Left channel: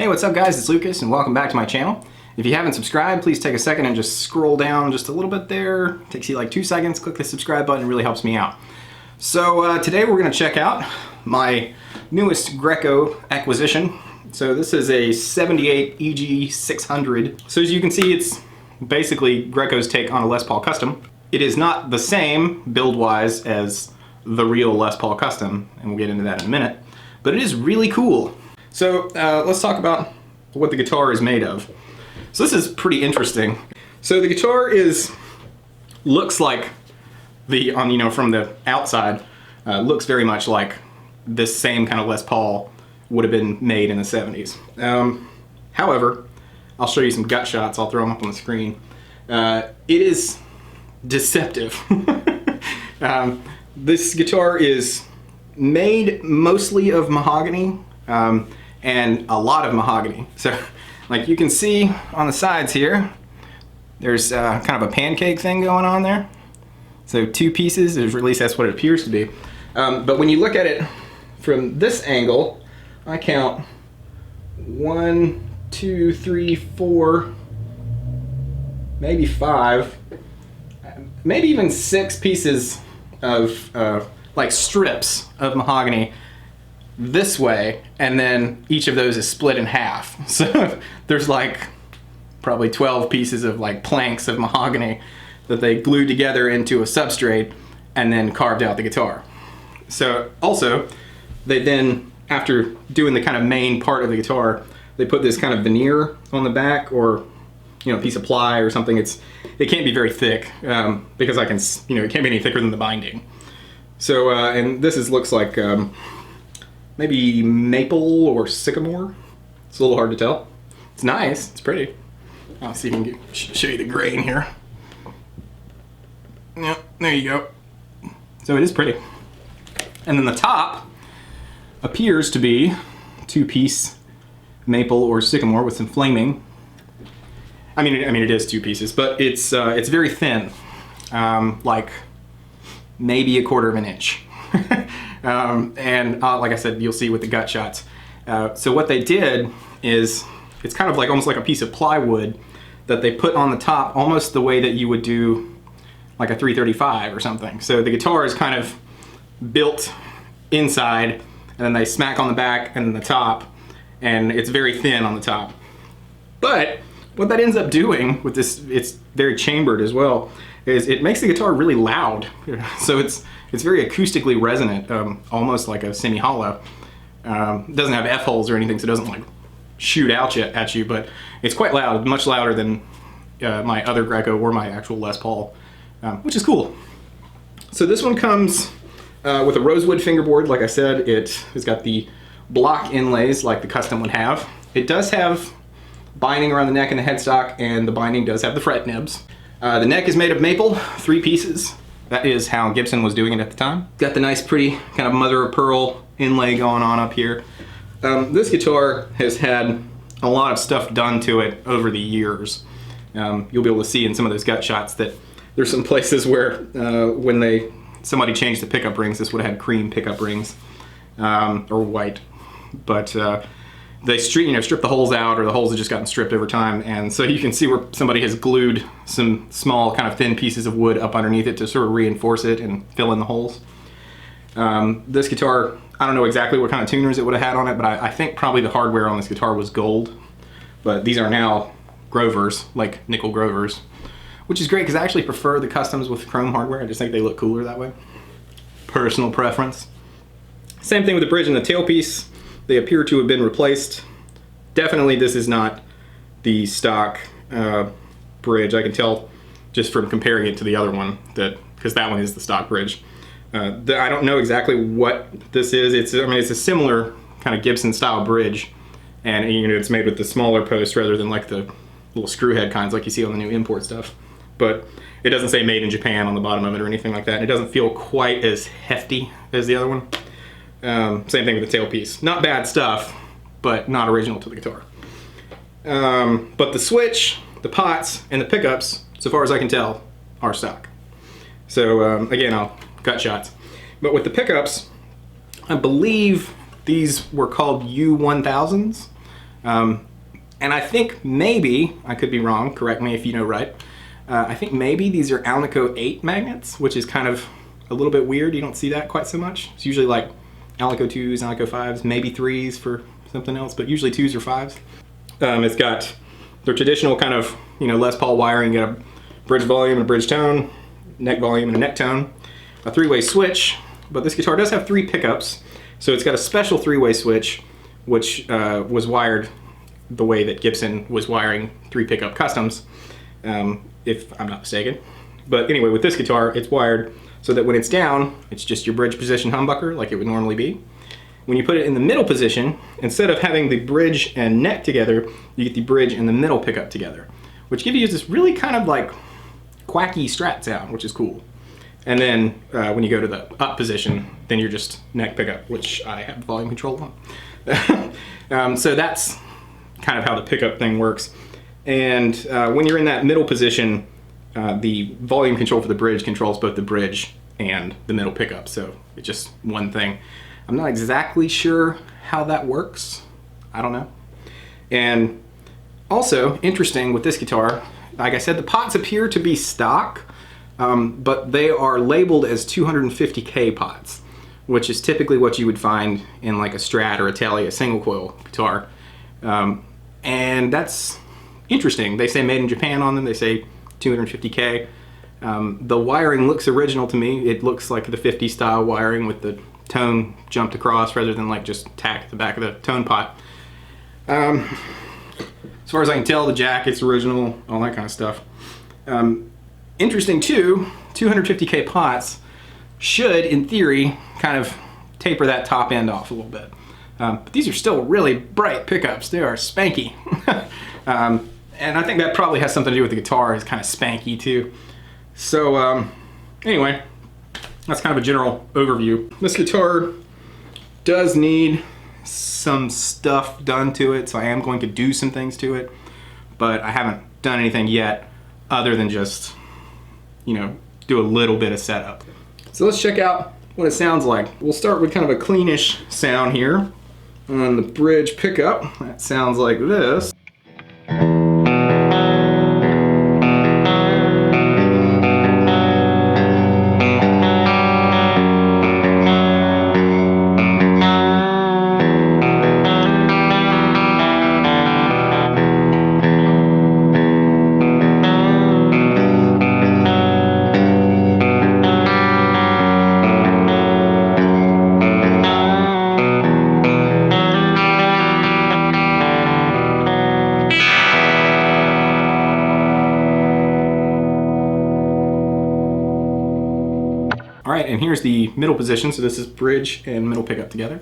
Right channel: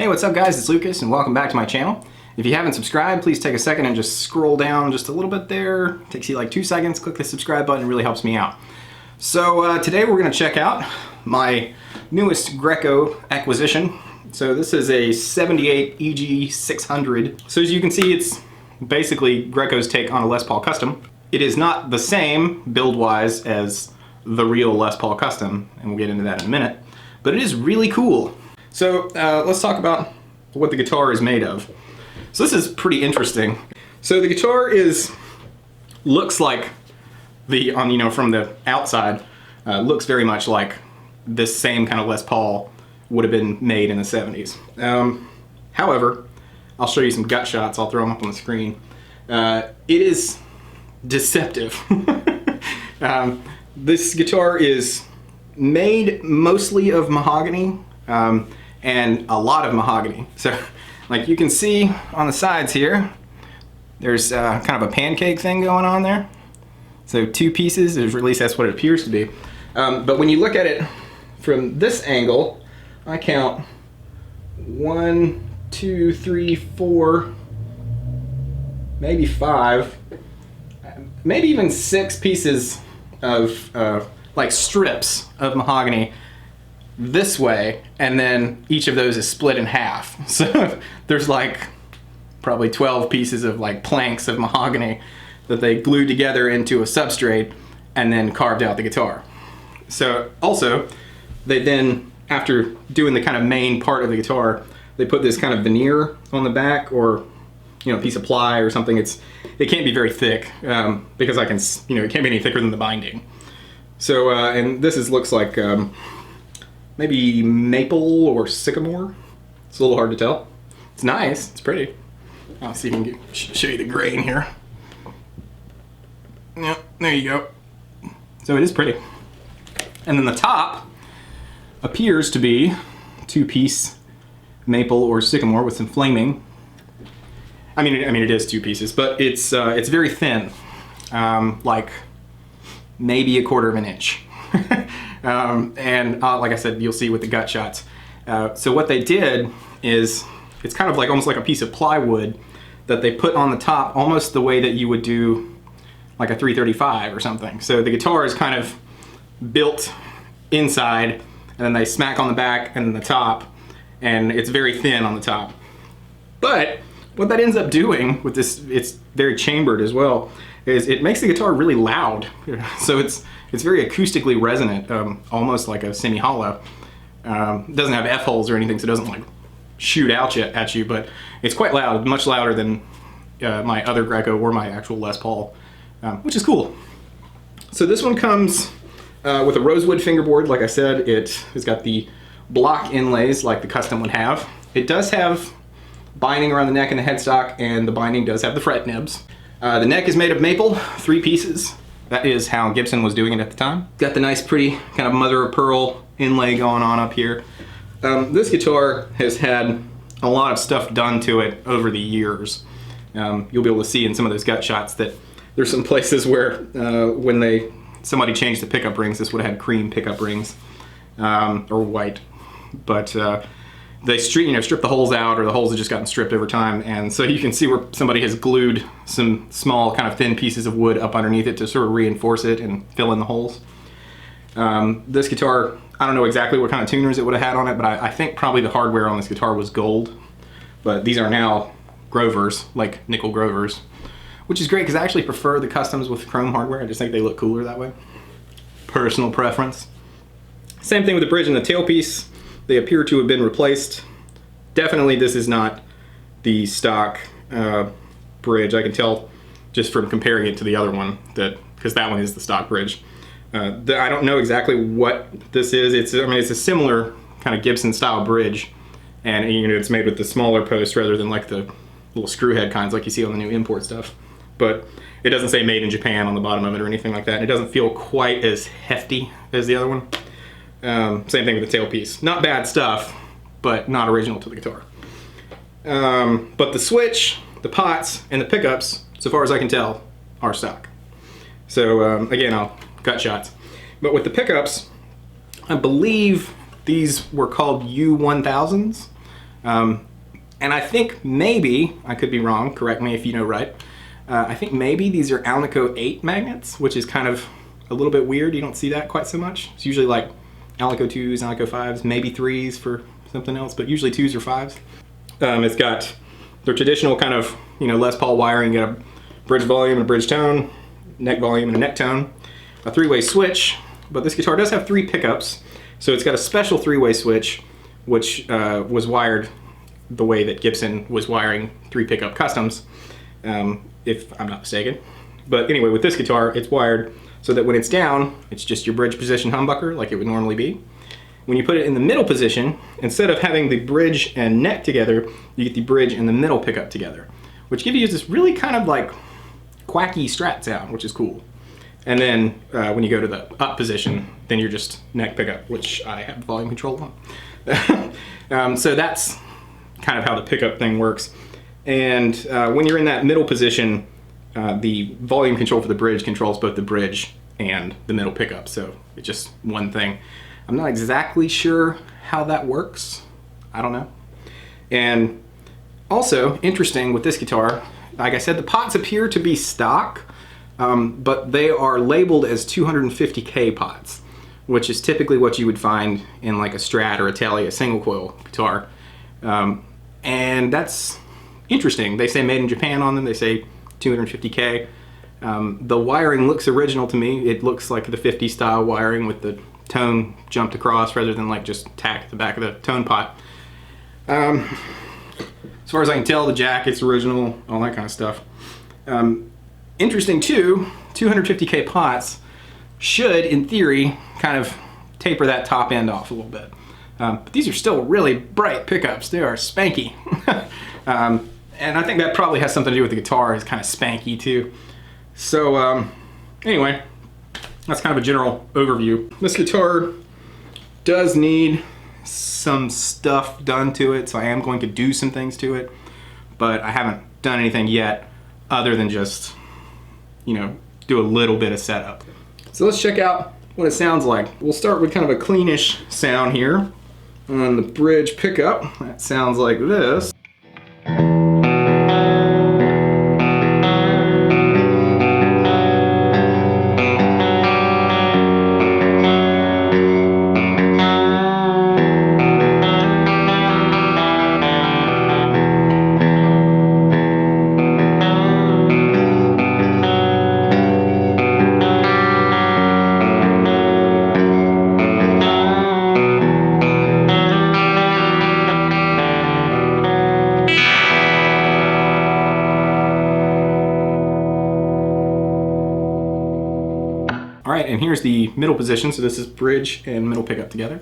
Hey, what's up guys? It's Lucas and welcome back to my channel. If you haven't subscribed, please take a second and just scroll down just a little bit there. It takes you like 2 seconds. Click the subscribe button, it really helps me out. So today we're going to check out my newest Greco acquisition. So this is a 78 EG-600. So as you can see, it's basically Greco's take on a Les Paul Custom. It is not the same build-wise as the real Les Paul Custom, and we'll get into that in a minute, but it is really cool. So let's talk about what the guitar is made of. So this is pretty interesting. So the guitar looks like from the outside, looks very much like this same kind of Les Paul would have been made in the 70s. However, I'll show you some gut shots. I'll throw them up on the screen. It is deceptive. This guitar is made mostly of mahogany. And a lot of mahogany. So, like you can see on the sides here, there's kind of a pancake thing going on there. So 2 pieces, or at least that's what it appears to be. But when you look at it from this angle, I count 1, 2, 3, 4, maybe 5, maybe even 6 pieces of like strips of mahogany this way, and then each of those is split in half. So there's like probably 12 pieces of like planks of mahogany that they glued together into a substrate and then carved out the guitar. So also they then, after doing the kind of main part of the guitar, they put this kind of veneer on the back, or a piece of ply or something. It can't be very thick because it can't be any thicker than the binding. So and this looks like maybe maple or sycamore. It's a little hard to tell. It's nice, it's pretty. I'll see if I can show you the grain here. Yep, there you go. So it is pretty. And then the top appears to be 2-piece maple or sycamore with some flaming. I mean it is 2 pieces, but it's very thin, like maybe 1/4 of an inch. And like I said, you'll see with the gut shots. So what they did is, it's kind of like almost like a piece of plywood that they put on the top, almost the way that you would do like a 335 or something. So the guitar is kind of built inside, and then they smack on the back and then the top, and it's very thin on the top. But what that ends up doing with this, it's very chambered as well, is it makes the guitar really loud. So it's very acoustically resonant, almost like a semi-hollow. It doesn't have F-holes or anything, so it doesn't like shoot out at you, but it's quite loud, much louder than my other Greco or my actual Les Paul, which is cool. So this one comes with a rosewood fingerboard. Like I said, it's got the block inlays like the Custom would have. It does have binding around the neck and the headstock, and the binding does have the fret nibs. The neck is made of maple, 3 pieces. That is how Gibson was doing it at the time. Got the nice, pretty kind of mother of pearl inlay going on up here. This guitar has had a lot of stuff done to it over the years. You'll be able to see in some of those gut shots that there's some places where when somebody changed the pickup rings, this would have had cream pickup rings, or white. But they strip the holes out, or the holes have just gotten stripped over time, and so you can see where somebody has glued some small kind of thin pieces of wood up underneath it to sort of reinforce it and fill in the holes. This guitar, I don't know exactly what kind of tuners it would have had on it, but I think probably the hardware on this guitar was gold, but these are now Grovers, like nickel Grovers, which is great because I actually prefer the Customs with chrome hardware. I just think they look cooler that way. Personal preference. Same thing with the bridge and the tailpiece. They appear to have been replaced. definitely this is not the stock bridge. I can tell just from comparing it to the other one, that because that one is the stock bridge. I don't know exactly what this is. It's a similar kind of Gibson style bridge, and it's made with the smaller post rather than like the little screw head kinds like you see on the new import stuff. But it doesn't say made in Japan on the bottom of it or anything like that. And it doesn't feel quite as hefty as the other one. Same thing with the tailpiece. Not bad stuff, but not original to the guitar. But the switch, the pots, and the pickups, so far as I can tell, are stock. So again, I'll cut shots. But with the pickups, I believe these were called U1000s. And I think maybe, I could be wrong, correct me if you know right, I think maybe these are Alnico 8 magnets, which is kind of a little bit weird. You don't see that quite so much. It's usually like Alnico 2s, Alnico 5s, maybe 3s for something else, but usually 2s or 5s. It's got the traditional kind of, Les Paul wiring. You got a bridge volume and a bridge tone, neck volume and a neck tone, a 3-way switch, but this guitar does have 3 pickups. So it's got a special 3-way switch, which was wired the way that Gibson was wiring 3 pickup customs, if I'm not mistaken. But anyway, with this guitar, it's wired so that when it's down, it's just your bridge position humbucker like it would normally be. When you put it in the middle position, instead of having the bridge and neck together, you get the bridge and the middle pickup together, which gives you this really kind of like quacky Strat sound, which is cool. And then when you go to the up position, then you're just neck pickup, which I have volume control on. So that's kind of how the pickup thing works. And when you're in that middle position, the volume control for the bridge controls both the bridge and the middle pickup. So it's just one thing. I'm not exactly sure how that works. I don't know. And also, interesting with this guitar, like I said, the pots appear to be stock, but they are labeled as 250K pots, which is typically what you would find in like a Strat or a Tele single coil guitar. And that's interesting. They say made in Japan on them. They say 250K. The wiring looks original to me. It looks like the 50 style wiring with the tone jumped across rather than like just tack at the back of the tone pot. As far as I can tell, the jacket's original, all that kind of stuff. Interesting too, 250K pots should, in theory, kind of taper that top end off a little bit. But these are still really bright pickups. They are spanky. And I think that probably has something to do with the guitar. It's kind of spanky too. So anyway, that's kind of a general overview. This guitar does need some stuff done to it, so I am going to do some things to it, but I haven't done anything yet other than just, do a little bit of setup. So let's check out what it sounds like. We'll start with kind of a cleanish sound here on the bridge pickup. That sounds like this. All right, and here's the middle position. So this is bridge and middle pickup together.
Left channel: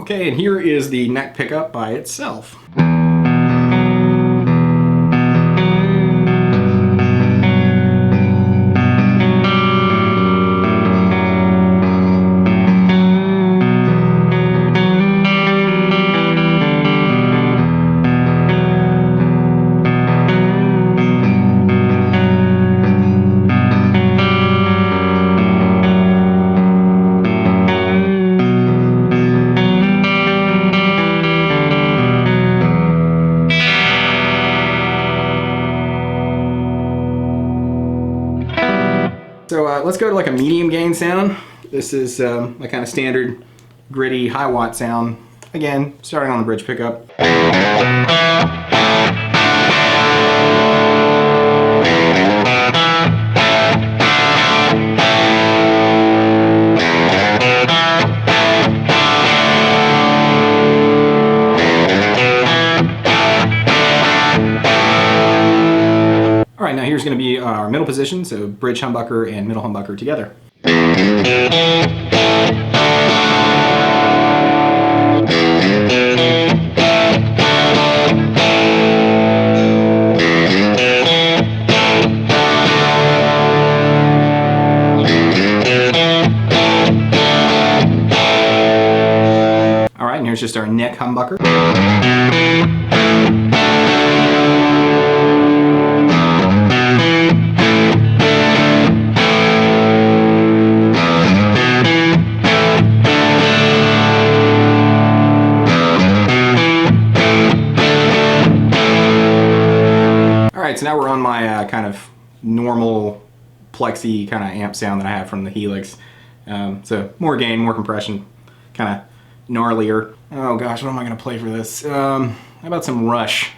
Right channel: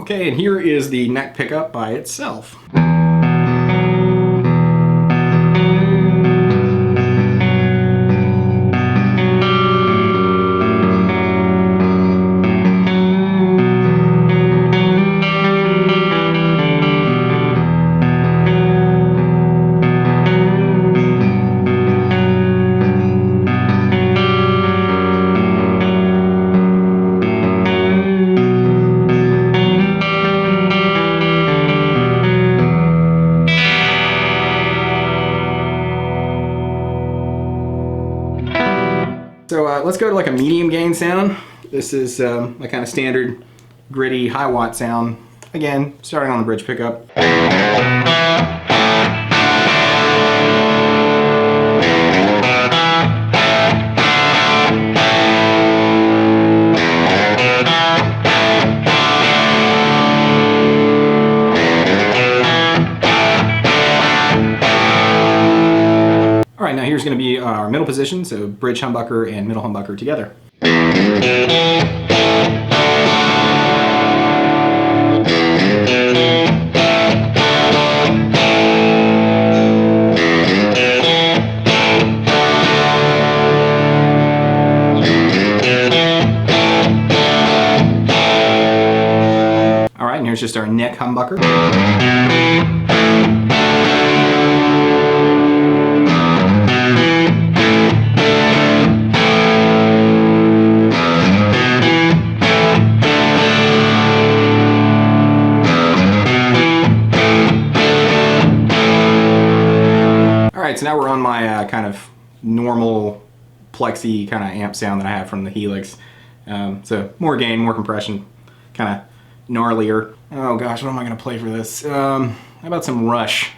Okay, and here is the neck pickup by itself. So let's go to like a medium gain sound. This is my kind of standard gritty high watt sound. Again, starting on the bridge pickup. All right, now here's going to be our middle position, so bridge humbucker and middle humbucker together. All right, and here's just our neck humbucker. Alright, so now we're on my kind of normal plexi kind of amp sound that I have from the Helix. So more gain, more compression, kind of gnarlier. Oh gosh, what am I going to play for this? How about some Rush?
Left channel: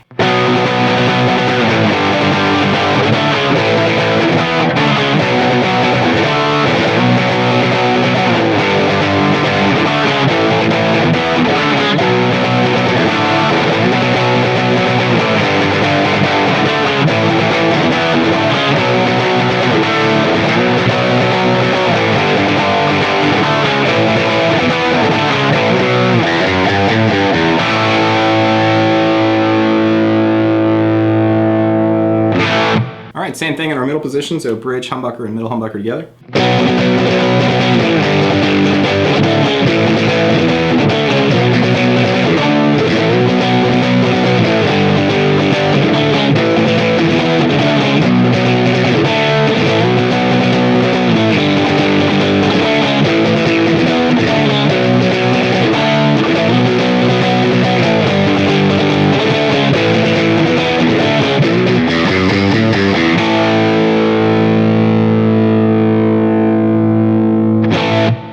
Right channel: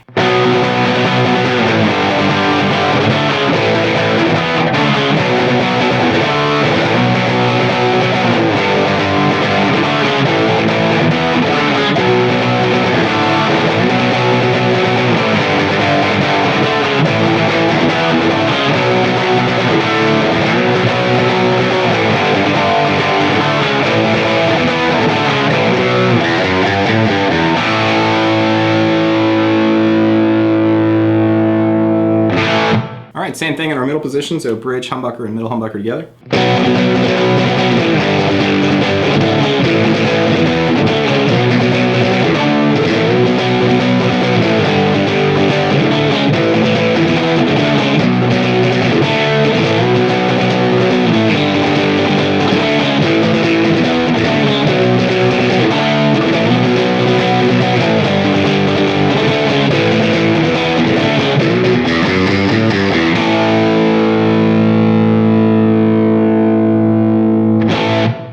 Alright, same thing in our middle position, so bridge, humbucker, and middle humbucker together.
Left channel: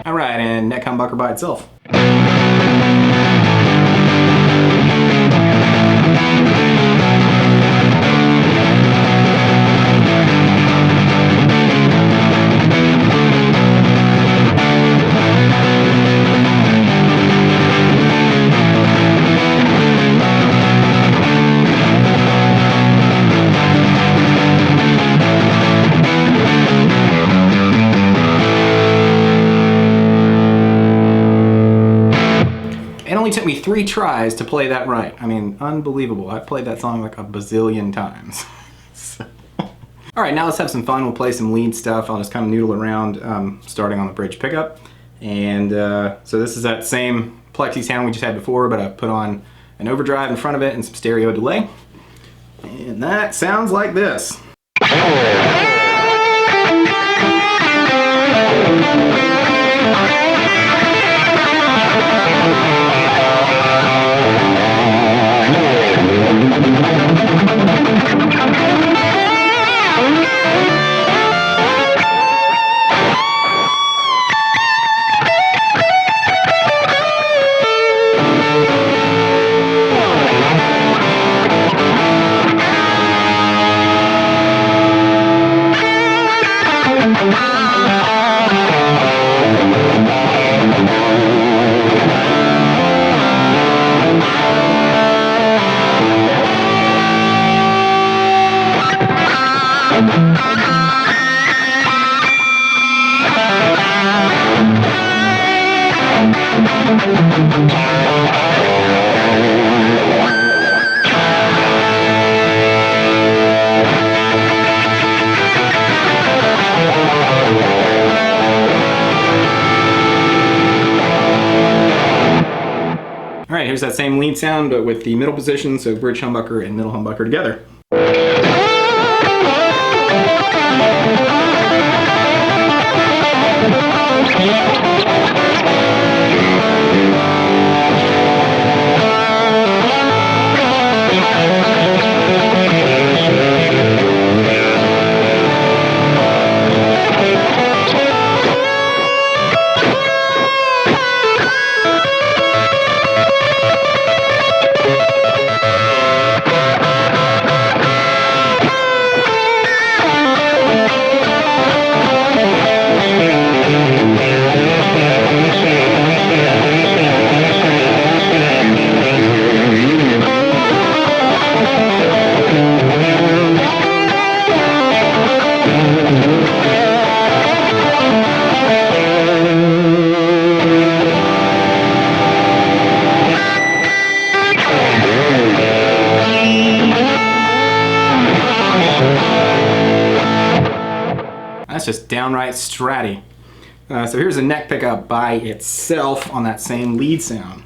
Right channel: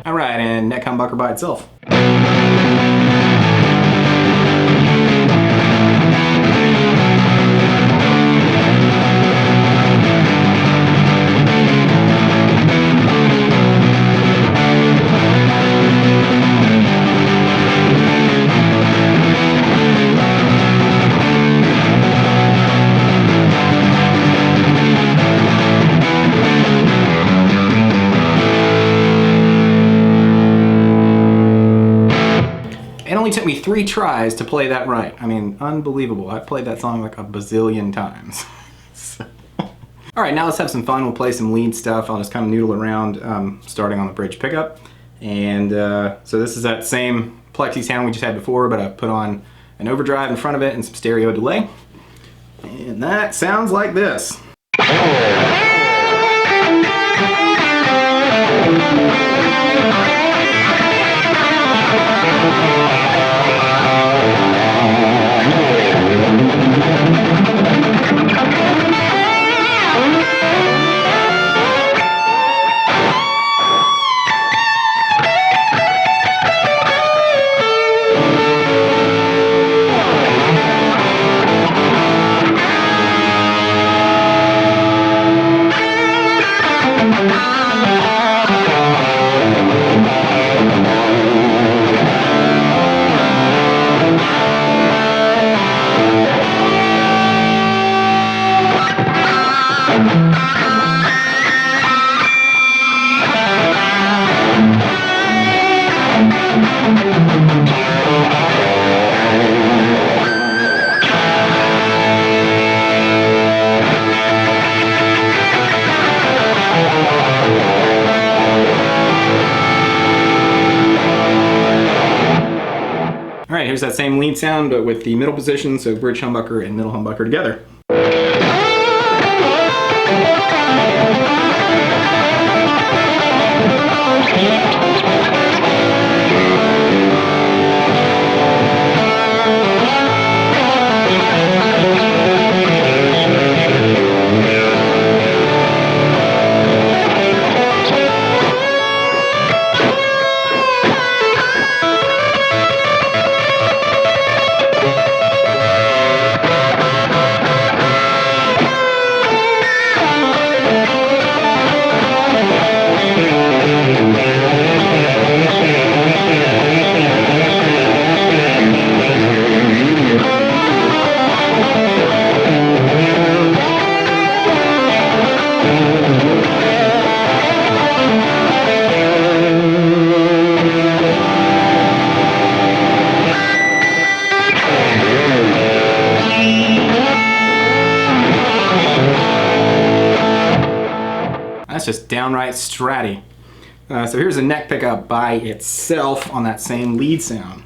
Alright, and neck humbucker by itself. It only took me 3 tries to play that right. I mean, unbelievable. I've played that song like a bazillion times. Alright, now let's have some fun. We'll play some lead stuff. I'll just kind of noodle around, starting on the bridge pickup. And so this is that same plexi sound we just had before, but I've put on an overdrive in front of it and some stereo delay. And that sounds like this. Alright, here's that same lead sound, but with the middle position, so bridge humbucker and middle humbucker together. just downright stratty. So here's a neck pickup by itself on that same lead sound.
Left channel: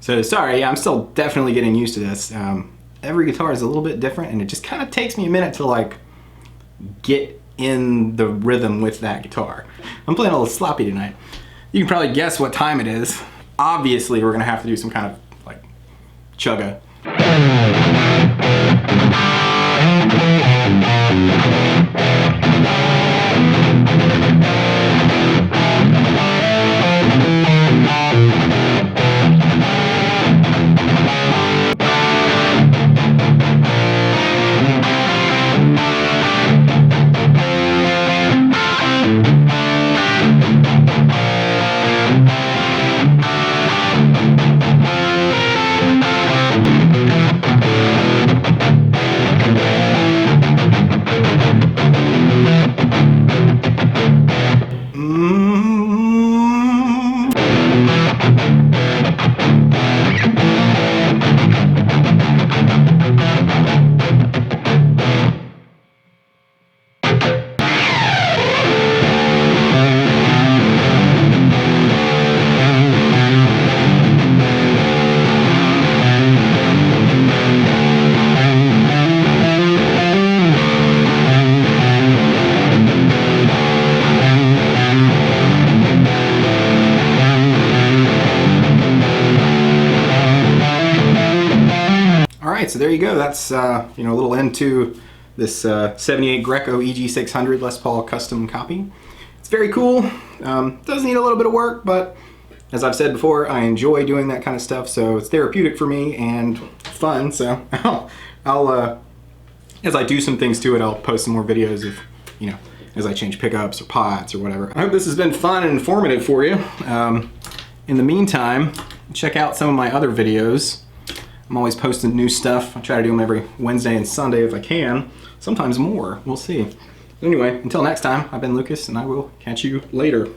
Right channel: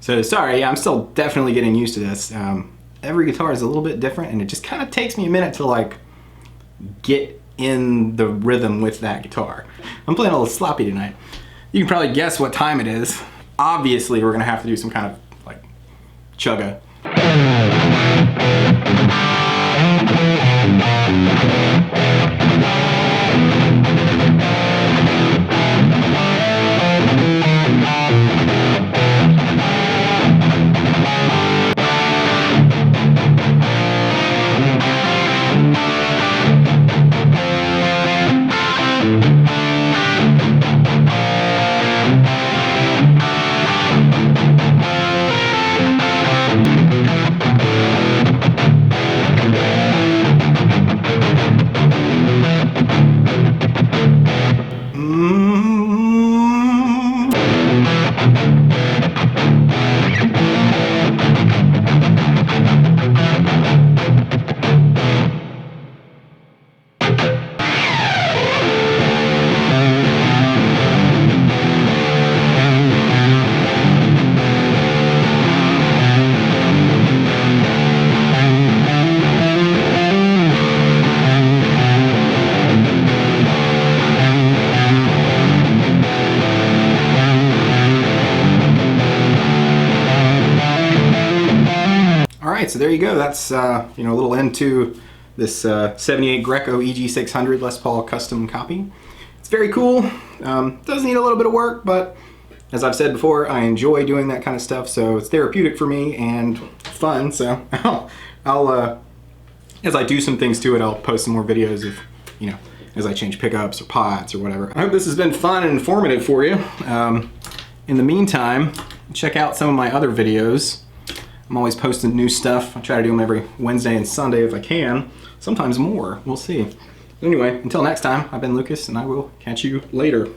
So sorry, I'm still definitely getting used to this. Every guitar is a little bit different, and it just kind of takes me a minute to like get in the rhythm with that guitar. I'm playing a little sloppy tonight. You can probably guess what time it is. Obviously, we're gonna have to do some kind of like chugga. Alright, so there you go. That's a little into this 78 Greco EG-600 Les Paul custom copy. It's very cool. Does need a little bit of work, but as I've said before, I enjoy doing that kind of stuff, so it's therapeutic for me and fun. So I'll as I do some things to it, I'll post some more videos of, as I change pickups or pots or whatever. I hope this has been fun and informative for you. In the meantime, check out some of my other videos. I'm always posting new stuff. I try to do them every Wednesday and Sunday if I can. Sometimes more. We'll see. Anyway, until next time, I've been Lucas, and I will catch you later.